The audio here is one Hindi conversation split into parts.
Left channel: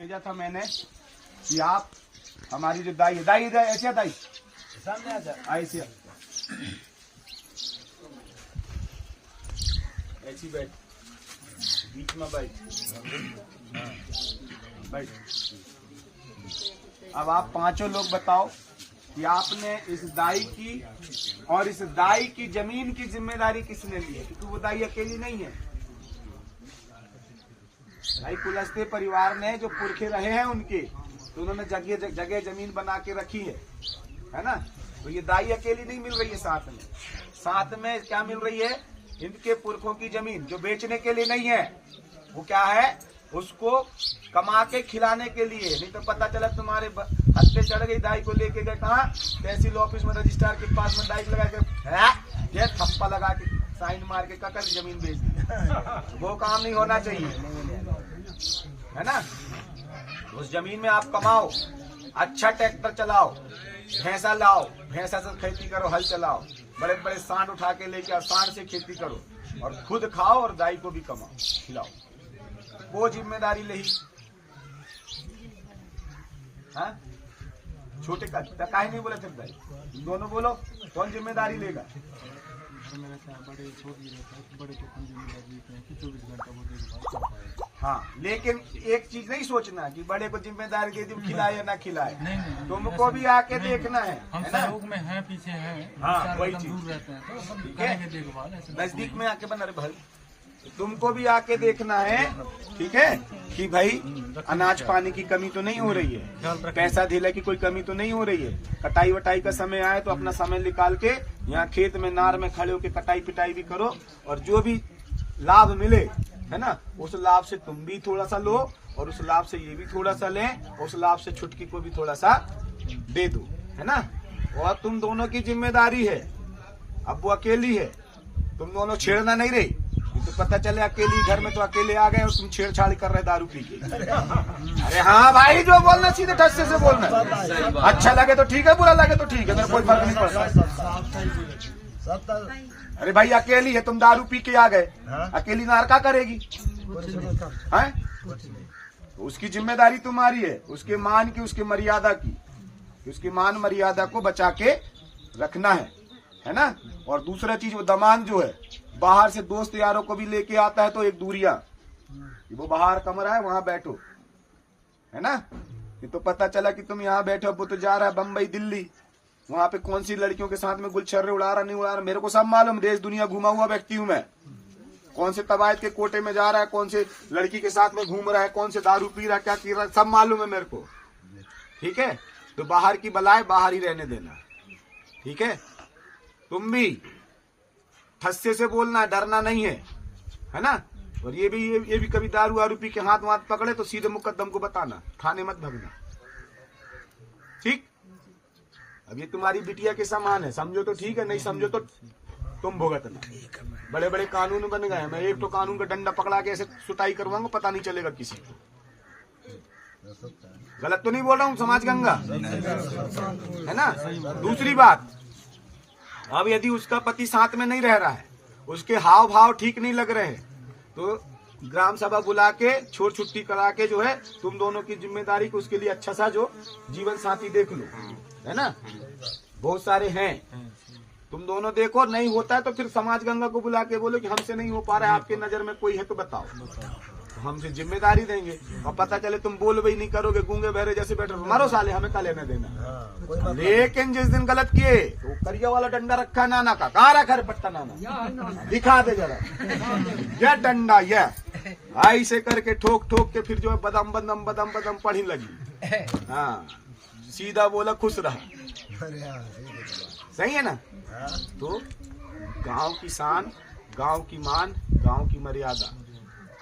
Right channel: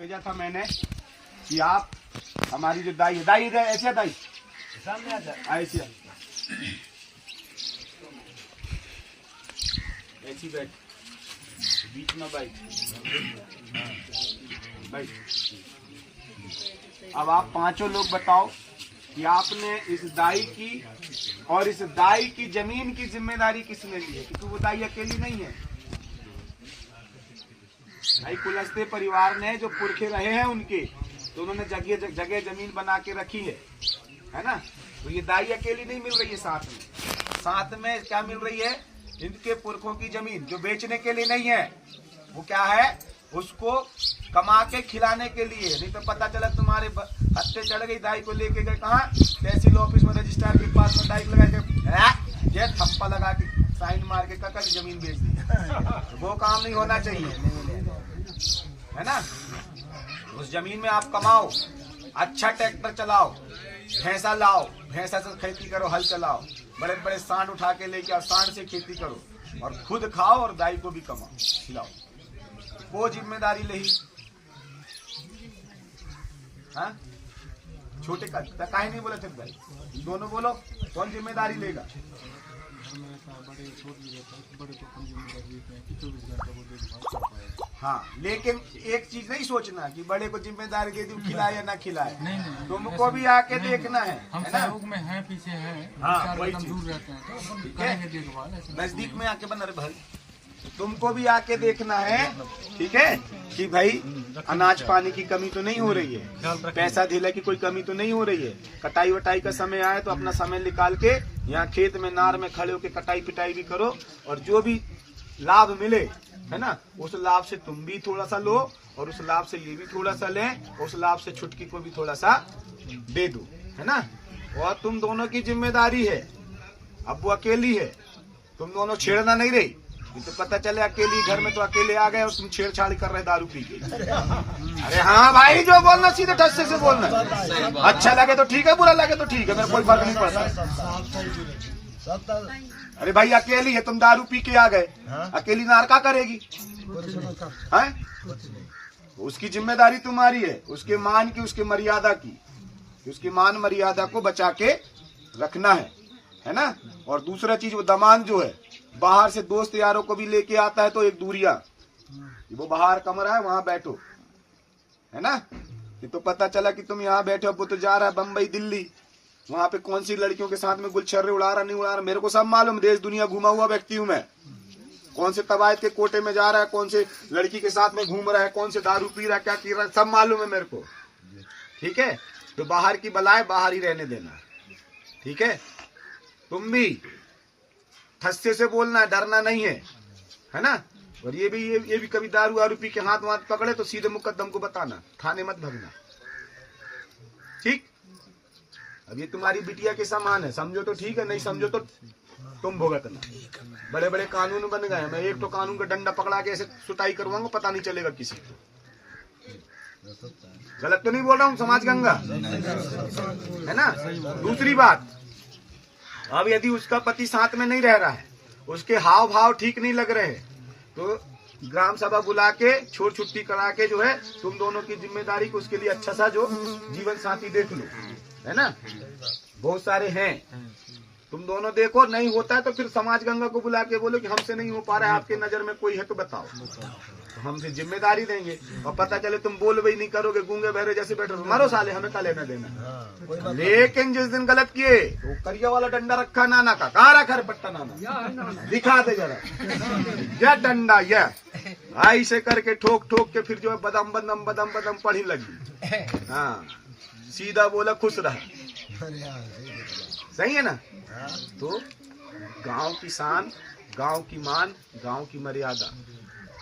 भेजा था मैंने कि आप हमारी जो दाई दाई इधर ऐसे दाई सामने आ जाए ऐसी ऐसी बैठ बीच में बैठ बैठ। अब आप पांचों लोग बताओ कि आपने इस दाई की और इस दाई की जमीन की जिम्मेदारी किसने ली है, क्योंकि वो दाई अकेली नहीं है। भाई कुलस्ते परिवार ने जो पुरखे रहे हैं उनके, तो उन्होंने जगह जगह जमीन बना के रखी है ना। तो ये दाई अकेली नहीं मिल रही है, साथ में क्या मिल रही है, इनके पुरखों की जमीन जो बेचने के लिए नहीं है, वो क्या है, उसको कमा के खिलाने के लिए। नहीं तो पता चला तुम्हारे हत्ते चढ़ गई, दाई को लेके गए कहाँ, तहसील ऑफिस में रजिस्ट्रार के पास में दाई लगा के ये थप्पा लगा के साइन मार के ककल जमीन बेच दी। तो वो काम नहीं होना चाहिए, है ना। उस जमीन में आप कमाओ, अच्छा ट्रैक्टर चलाओ, भैंसा लाओ, भैंसा से खेती करो, हल चलाओ, बड़े बड़े सांड उठा के लेके आओ, सांड से खेती करो और खुद खाओ और दाई को भी कमाओ खिलाओ। वो जिम्मेदारी ले ही, हाँ छोटे का काहे नहीं बोले थे भाई, दोनों बोलो कौन जिम्मेदारी लेगा। बड़े को कम जिम्मेदारी देते हैं कि 24 घंटा वो देखभाल कर पाएगा। हाँ, लेकिन एक चीज नहीं सोचना कि बड़े को जिम्मेदारी दे दी, खिलाए या ना खिलाए। नहीं, तुमको भी आके देखना है, हम सहयोग में हैं, पीछे हैं, हाँ, वही चीज। दूर रहते हैं तो हम करेंगे देखभाल। नजदीक में आके बना रहे भाई, तुमको भी आके देखना है, ठीक है, कि भाई अनाज पानी की कमी तो नहीं हो रही है, पैसा धीला की कोई कमी तो नहीं हो रही है। कटाई वटाई का समय आए तो अपना समय निकाल के यहाँ खेत में नार में खड़े होकर कटाई पिटाई भी करो, और जो भी लाभ मिले, है ना, उस लाभ से तुम भी थोड़ा सा लो और उस लाभ से ये भी थोड़ा सा लें, उस लाभ से छुटकी को भी थोड़ा सा दे दो, है ना। और तुम दोनों की जिम्मेदारी है, अब वो अकेली है, तुम दोनों छेड़ना नहीं रही। तो पता चले अकेली घर में तो अकेले आ गए और तुम छेड़छाड़ कर रहे दारू पी के। अरे हाँ भाई, जो बोलना सीधे ठस्से से बोलना, अच्छा लगे तो ठीक है, बुरा लगे तो ठीक है, मेरा कोई फर्क नहीं पड़ता। अरे भाई अकेली है, तुम दारू पी के आ गए, अकेली नार का करेगी, उसकी जिम्मेदारी तुम्हारी है, उसके मान की, उसकी मर्यादा की, उसकी मान मर्यादा को बचा के रखना है ना। और दूसरा चीज, वो दमान जो है, बाहर से दोस्त यारों को भी लेके आता है तो एक दूरिया, वो बाहर कमरा है वहां बैठो, है ना। ये तो पता चला कि तुम यहाँ बैठो, वो तो जा रहा है बम्बई दिल्ली, वहां पे कौन सी लड़कियों के साथ में गुलछर्रे उड़ा रहा नहीं उड़ा रहा, मेरे को सब मालूम, देश दुनिया घूमा हुआ व्यक्ति हूं मैं। कौन से तबायत के कोटे में जा रहा है, कौन से लड़की के साथ में घूम रहा है, कौन से दारू पी रहा है, क्या पी रहा है, सब मालूम है मेरे को, ठीक है। तो बाहर की बलाए बाहर ही रहने देना, ठीक है। तुम भी ठस्से से बोलना, डरना नहीं है ना। और ये भी कभी दारू वारू पी के हाथ वाथ पकड़े तो सीधे मुकद्दम को बताना, थाने मत भगना, ठीक। अब ये तुम्हारी बिटिया के समान है, समझो तो ठीक है, नहीं समझो तो तुम भुगतना। बड़े बड़े कानून बन गए हैं, मैं एक तो कानून का डंडा पकड़ा के ऐसे सुताई करवाऊंगा, पता नहीं चलेगा किसी को। गलत तो नहीं बोल रहा हूँ, समाज गंगा है ना। दूसरी बात, अब यदि उसका पति साथ में नहीं रह रहा है, उसके हाव भाव ठीक नहीं लग रहे हैं, तो ग्राम सभा बुला के छोड़ छुट्टी करा के जो है, तुम दोनों की जिम्मेदारी को उसके लिए अच्छा सा जो जीवन साथी देख लो, है ना। बहुत सारे हैं, तुम दोनों देखो, नहीं होता है तो फिर समाज गंगा को बुला के बोलो कि हमसे नहीं हो पा रहा है, आपके नजर में कोई है तो बताओ, तो हम फिर जिम्मेदारी देंगे। और पता चले तुम बोल भी नहीं करोगे, गूंगे बहरे जैसे बैठे, मारो साले, हमें क्या लेना देना। लेकिन जिस दिन गलत किए तो करिया वाला डंडा रखा नाना का, कहाँ रखा है पट्टा नाना, दिखा दे जरा, यह डंडा, यह ऐसे करके ठोक ठोक के फिर जो है बदम बदम बदम बदम पढ़ी लगी। हाँ, सीधा बोला, खुश रहा, सही है ना। तो गांव की शान, गांव की मान, गांव की मर्यादा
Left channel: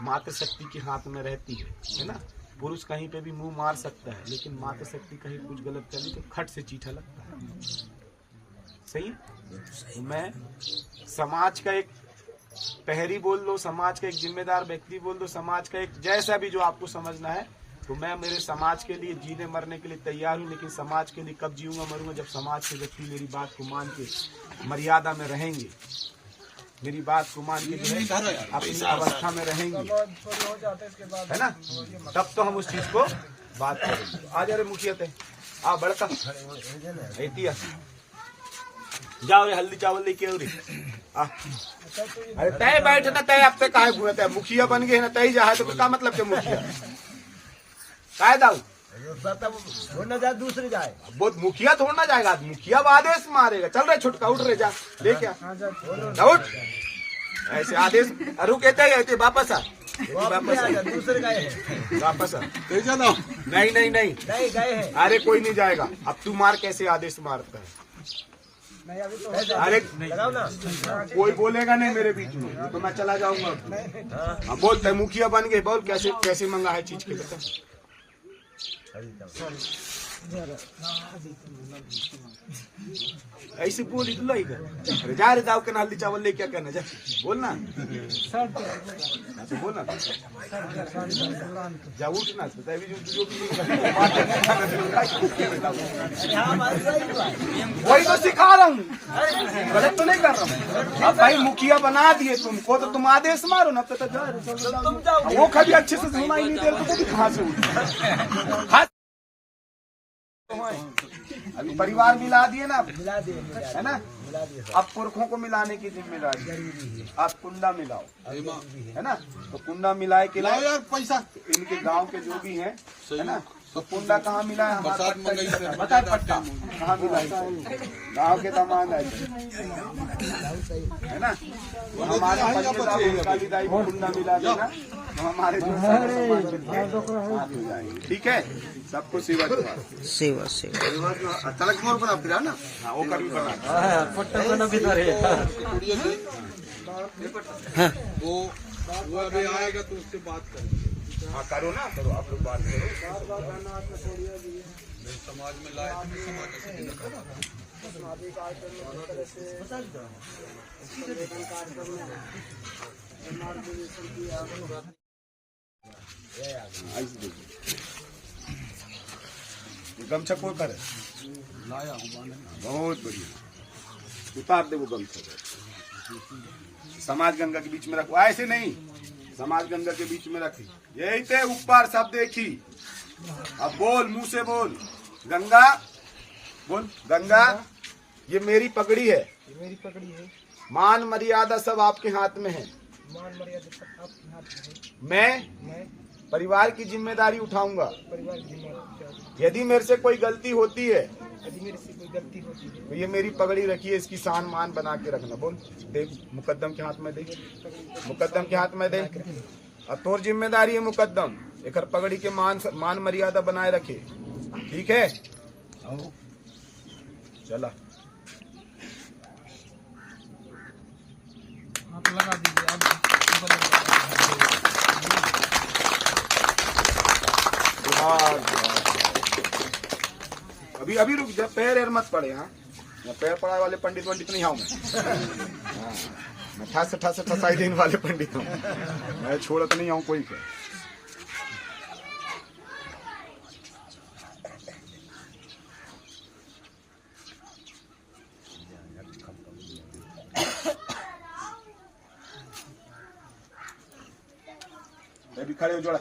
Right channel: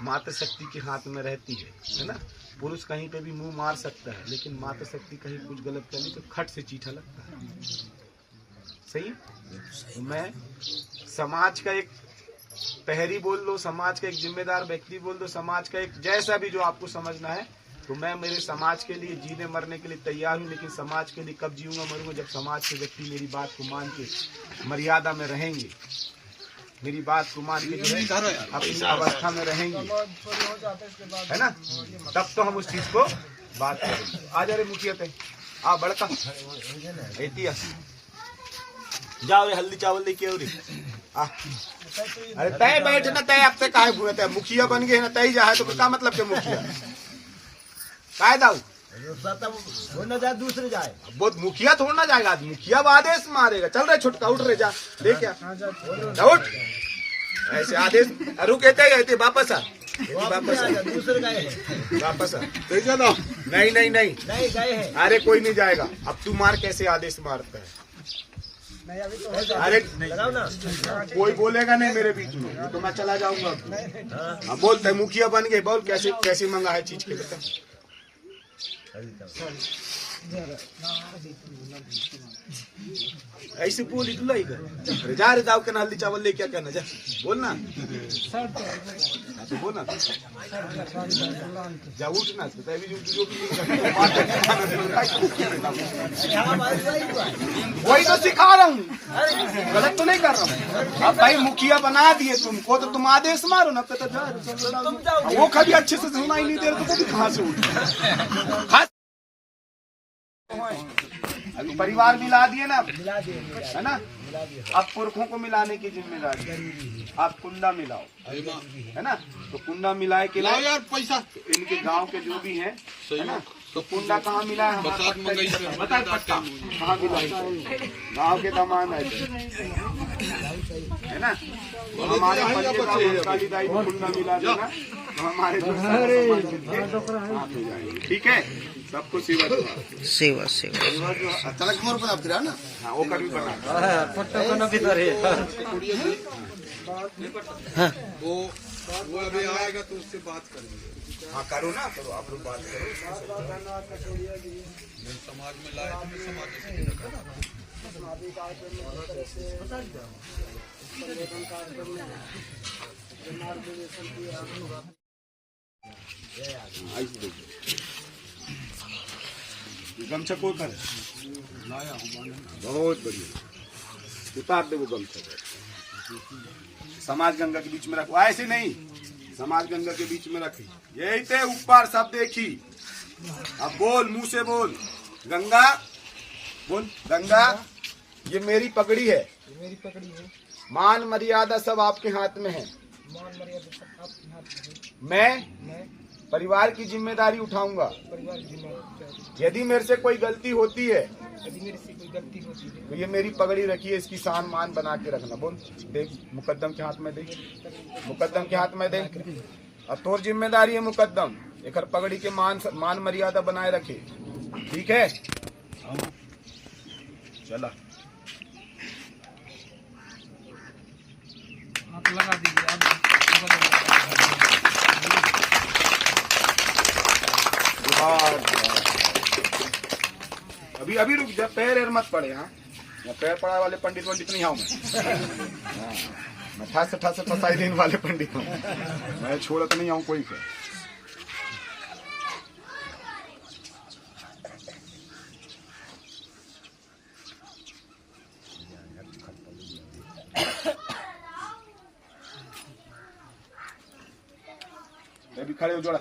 मातृ शक्ति के हाथ में रहती है ना। पुरुष कहीं पे भी मुंह मार सकता है, लेकिन मातृ शक्ति कहीं कुछ गलत करे तो खट से चीठा लगता है, सही। तो मैं समाज का एक प्रहरी बोल दो, समाज का एक जिम्मेदार व्यक्ति बोल दो, समाज का एक जैसा भी जो आपको समझना है, तो मैं मेरे समाज के लिए जीने मरने के लिए तैयार हूँ। लेकिन समाज के लिए कब जीऊंगा मरूंगा, जब समाज के व्यक्ति मेरी बात को मान के मर्यादा में रहेंगे, मेरी बात को मान के जो है अपनी अवस्था में रहेंगे, है ना, तब तो हम उस चीज को बात करेंगे। आ जा रे मुखिया ते आ बड़का रहती जाओ रे हल्दी चावल लेके आओ रे आ। अरे तय बैठ ना, तय अब तक काहे घूरत है, मुखिया बन गए ना तय जा है तो क्या मतलब के मुखिया काय दाऊ दूसरे जाए बहुत मुखिया थोड़ा ना जाएगा, मुखिया आदेश मारेगा। चल रहे छुटका उठ रहे जा दे क्या उठ ऐसे आदेश रुके थे वापस आ दूसरे गए वापस आ नहीं नहीं नहीं नहीं गए हैं। अरे कोई नहीं जाएगा। अब तू मार कैसे आदेश मारता है? नहीं अभी तो अरे लगाओ ना, कोई बोलेगा नहीं मेरे बीच में तो मैं चला जाऊंगा। हाँ बोलते मुखिया बन गए, बोल कैसे कैसे मंगा है चीज के बता। ऐसे बोल इतना ही कर जा रे दाव के हल्दी चावल ले क्या करना जा बोलना तो बोलना जा उठना वही तो सिखा रहा हूँ, गलत तो नहीं कर रहा हूँ। अब भाई मुखिया बना दिए तुमको तो तुम आदेश मारो ना, तो वो कभी अच्छे से सुना ही नहीं दे रहे तो भी कहाँ से उठ अभी परिवार मिला दिए ना, मिला दिए है ना। अब पुरखों को मिलाने की जिम्मेदारी आप कुंडा मिलाओ, है ना। तो कुंडा मिलाए के लिए यार पैसा इनके गांव के जो भी हैं, है ना। तो कुंडा कहाँ मिला है हमारा बता पट्टा कहाँ मिला है, गाँव के दामान है ना। तो हमारे काली दाई को कुंडा मिला देना तो हमारे ठीक है। सबको सेवा सेवा सेवा तलक मोर बना फिर ना वो कर वो अभी आएगा तो उससे बात करेंगे। हाँ करो ना, करो आप लोग बात करो। समाज में लाए तो गमछा को उतारे लाया हूँ, बहुत बढ़िया उतार दे वो गमछा। समाज गंगा के बीच में रखो, ऐसे नहीं, समाज गंगा के बीच में रखी, यही थे ऊपर सब देखी। अब बोल मुंह से बोल गंगा, बोल गंगा ये मेरी पगड़ी है, मेरी पकड़ी है, मान मर्यादा सब आपके हाथ में है। मान मर्यादा सब आपके हाथ में है। मैं परिवार की जिम्मेदारी उठाऊंगा। परिवार की जिम्मेदारी, यदि मेरे से कोई गलती होती है यदि मेरे से कोई गलती होती है तो ये मेरी पगड़ी रखिए, इसकी शान मान बना के रखना। बोल दे मुकद्दम के हाथ में दे, मुकद्दम के हाथ में दे। और तोर जिम्मेदारी है मुकद्दम एक पगड़ी के मान मर्यादा बनाए रखे, ठीक है। चला आप लगा दीजिए। अभी अभी रुक जा, पैर मत पड़े। हाँ पैर पड़ा वाले पंडित नहीं आऊँ मैं। मैं ठास फसाई देने वाले पंडित हूँ मैं, छोड़त नहीं आऊँ कोई के। भी खड़े हो जोड़ा,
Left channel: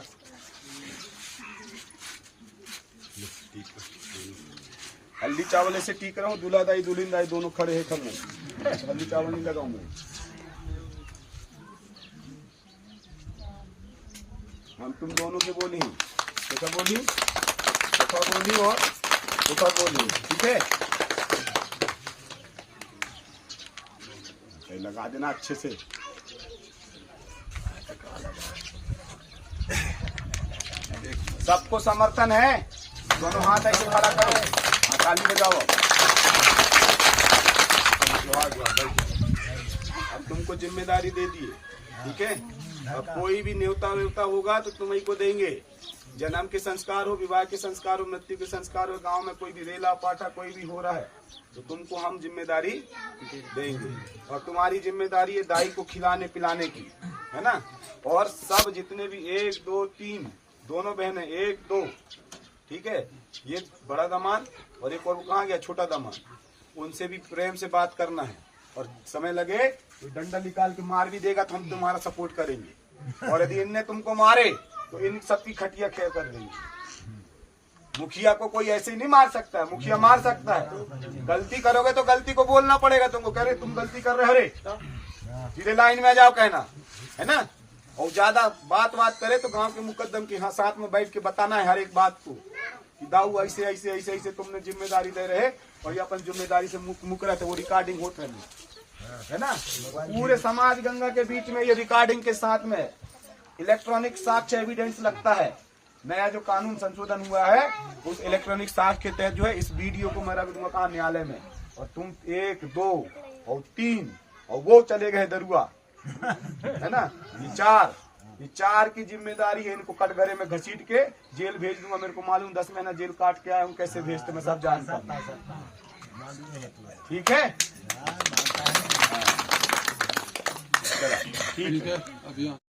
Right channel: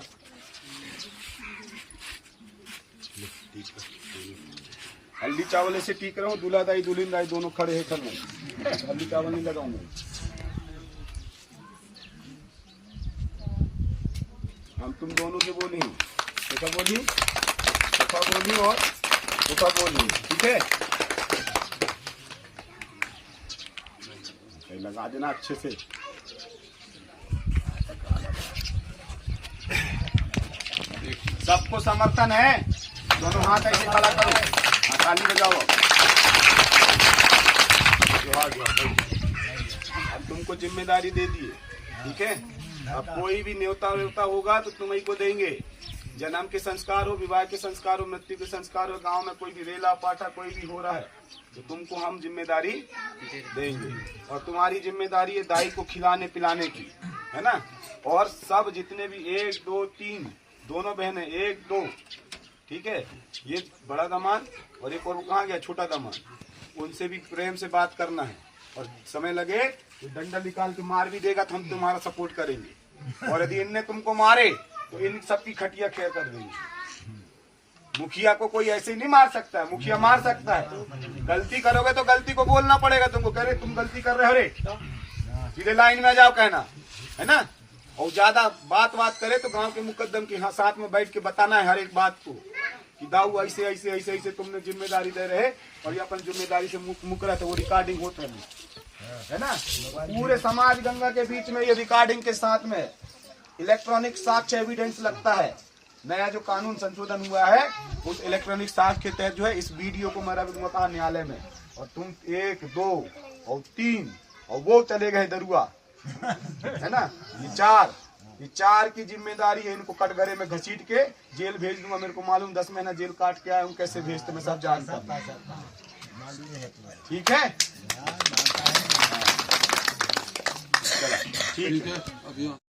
हल्दी चावल ऐसे टीक रहा हूँ, दूल्हा दाई दुल्हन दाई दोनों खड़े हैं करने, हल्दी चावल नहीं लगाऊंगा। हम तुम दोनों की बोली, देखा बोली, देखा बोली और देखा बोली, ठीक है। लगा देना अच्छे से। सबको समर्थन है, दोनों हाथ ऐसे खड़ा करो, ताली बजाओ। अब तुमको जिम्मेदारी दे दिए, ठीक है। अब कोई भी न्योता व्योता होगा तो तुम्हीं को देंगे। जन्म के संस्कार हो, विवाह के संस्कार हो, मृत्यु के संस्कार हो, गांव में कोई भी रेला पाठा कोई भी हो रहा है तो तुमको हम जिम्मेदारी देंगे। और तुम्हारी जिम्मेदारी है दाई को खिलाने पिलाने की, है ना। और सब जितने भी 1 2 3 दोनों बहनें 1 2, ठीक है। ये बड़ा दामाद और एक और कहाँ गया छोटा दामाद, उनसे भी प्रेम से बात करना है। और समय लगे कोई डंडा निकाल के मार भी देगा तो हम तुम्हारा सपोर्ट करेंगे, और यदि इनने तुमको मारे तो इन सबकी खटिया खेल कर देंगे। मुखिया को कोई ऐसे नहीं मार सकता है, मुखिया मार सकता है। गलती करोगे तो गलती को बोलना पड़ेगा तुमको, कह रहे तुम गलती कर रहे हो रे, सीधे लाइन में आ जाओ कहना है ना। और ज्यादा बात करे तो गांव के मुकद्दम की हाँ साथ में बैठ के बताना है हर एक बात को कि दाऊ ऐसे ऐसे ऐसे ऐसे तुमने जिम्मेदारी दे रहे और ये अपन जिम्मेदारी से मुक रहे थे, वो रिकॉर्डिंग होता है ना। पूरे समाज गंगा के बीच में ये रिकॉर्डिंग के साथ में इलेक्ट्रॉनिक साक्ष्य एविडेंस लगता है। नया जो कानून संशोधन हुआ है उस इलेक्ट्रॉनिक साक्ष्य के तहत जो है इस वीडियो को मैं रख दूंगा न्यायालय में, और तुम 1, 2 और 3 और वो चले गए दरुआ है ना, ये चार की जिम्मेदारी है। इनको कटघरे में घसीट के जेल भेज दूंगा। मेरे को मालूम 10 महीना जेल काट के आया हूँ, कैसे भेजते मैं सब जानता हूँ। ठीक है, चलो ठीक है।